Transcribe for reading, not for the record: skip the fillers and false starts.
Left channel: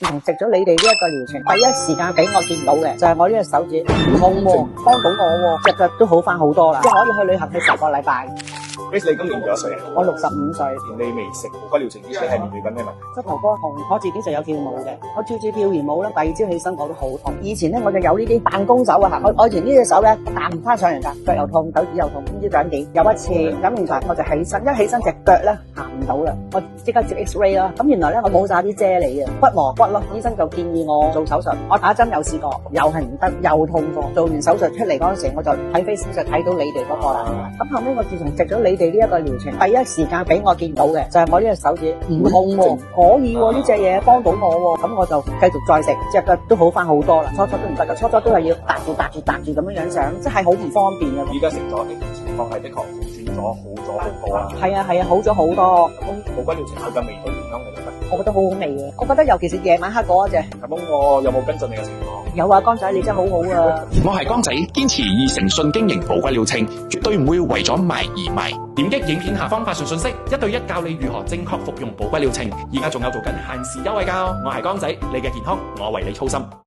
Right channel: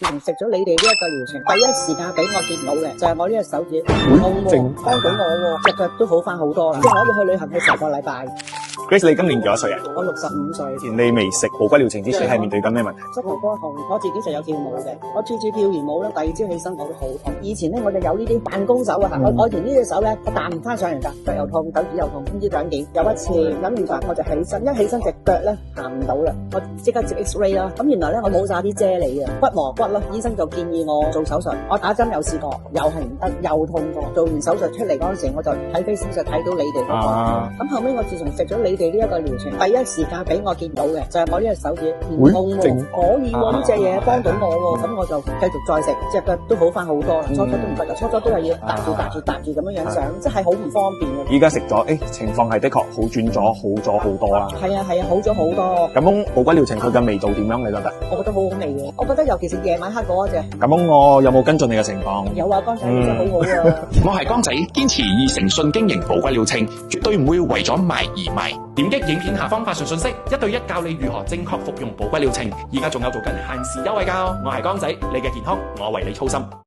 食咗你哋呢一個療程，第一時間俾我見到嘅就係我呢隻手指痛喎，幫到我喎，隻腳都好翻好多啦，可以去旅行去10個禮拜。Grace， 你今年幾多歲啊？我65歲。你未食寶骨療程之前，係面對緊咩問題？膝頭哥痛，我自己就有跳舞嘅，我跳住跳完舞咧，第二朝起身覺得好痛。以前咧我就有呢啲彈弓手啊，我以前呢隻手咧彈唔翻上嚟㗎，腳又痛，手指又痛，唔知兩點。有一次咁原來我就起身，一起身隻腳咧行唔到啦，我即刻照 X-ray 啦。咁原來咧我冇晒啲啫喱嘅骨磨骨咯，醫生就建議我做手術。我打針有試過，又係唔得，又痛過。做完手術出嚟嗰陣時，我就睇 Facebook 就睇到你哋嗰個啦。咁後尾我自從食咗你哋呢一個療程，第一時間俾我見到嘅就係我呢隻手指唔痛喎，可以喎，呢隻嘢幫到我喎，咁我就繼續再食，隻腳都好翻好多啦。初初都唔得㗎，初初都係要搭住咁樣樣上，即係好唔方便嘅。依家食咗，情況係的確好轉咗，好咗好多啦。係啊，好咗好多。咁寶骨療程佢嘅味道點樣？你覺得？我覺得好好味嘅，我覺得尤其是夜晚黑嗰隻。咁我有冇跟進你嘅情況？有啊，江仔你真係好好啊！我係江仔，堅持以誠信經營寶骨療程，絕對唔會為咗賣而賣。點擊影片下方發送信息，1對1教你如何正確服用寶骨療程。而家仲有做緊限時優惠㗎，我係江仔，你嘅健康我為你操心。